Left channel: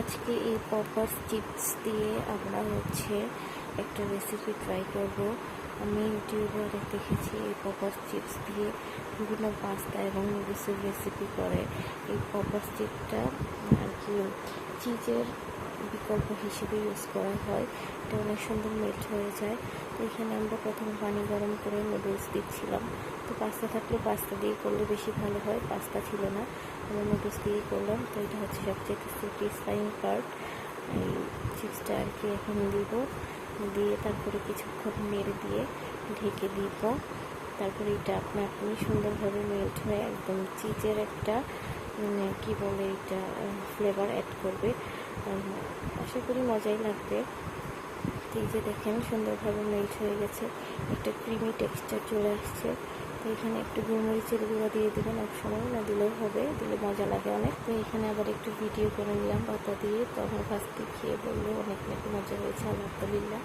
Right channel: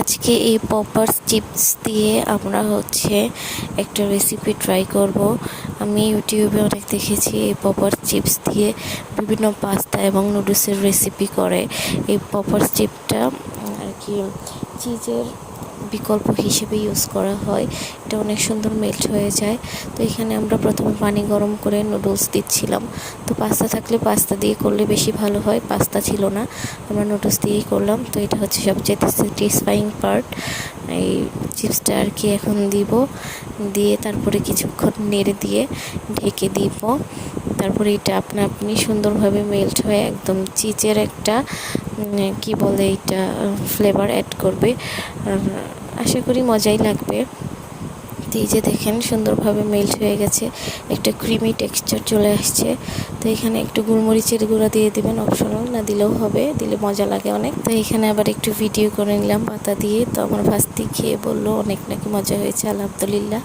আজকে এই papa's chips দিয়ে আমরা একটা রেসিপি ট্রাই করব। আমি ইউটিউবে অনেক দেখেছি এই পপার্স চিপস দিয়ে বিভিন্ন পাস্তা এবং নুডলসের রেসিপি করে। এই পপার্স চিপটা আর কি চিজের বিকল্প হিসেবে ইউজ করা হয়। এটা অনেক সুন্দর মেল্ট হয়ে যায়। তো এখানে আমরা প্রথমে পানি গরম করে নুডলস দিচ্ছিলাম। তো পাস্তা থাকলে পাস্তা দিয়ে করলে বেশি ভালো হয়, পাস্তা ছিল না, আমরা নুডলস দিয়েই করলাম। তো এটা হচ্ছে সবচেয়ে স্যাটিসফাইং পার্ট। এই চিপসটা আর কি এখন দিয়ে তারপরে কিছুক্ষণ নেড়ে দিয়ে ঢেকে দিব। তারপরে এটা আপনি সুন্দরভাবে মেল্ট হয়ে একদম চিজের একটা কি বলে এটা ফ্লেভার অ্যাড করবে। আশা করি মজাই লাগবে। তো এই যে দেখেন সুন্দরভাবে মেল্ট হয়ে গেছে, একটা ক্রিমি টেক্সচার চলে আসছে। তো এখানে একটু গোলমরিচের গুঁড়া দিয়ে দেবেন, অপশনাল, না দিলেও হবে, দিলে মজা লাগে অনেক। তো এখানে আবার একটু ভিডিও করে নিলাম পাতা দিয়ে। তো আমার ভাস্তি খেয়ে বললো অনেক নাকি মজা হয়েছে, আলহামদুলিল্লাহ।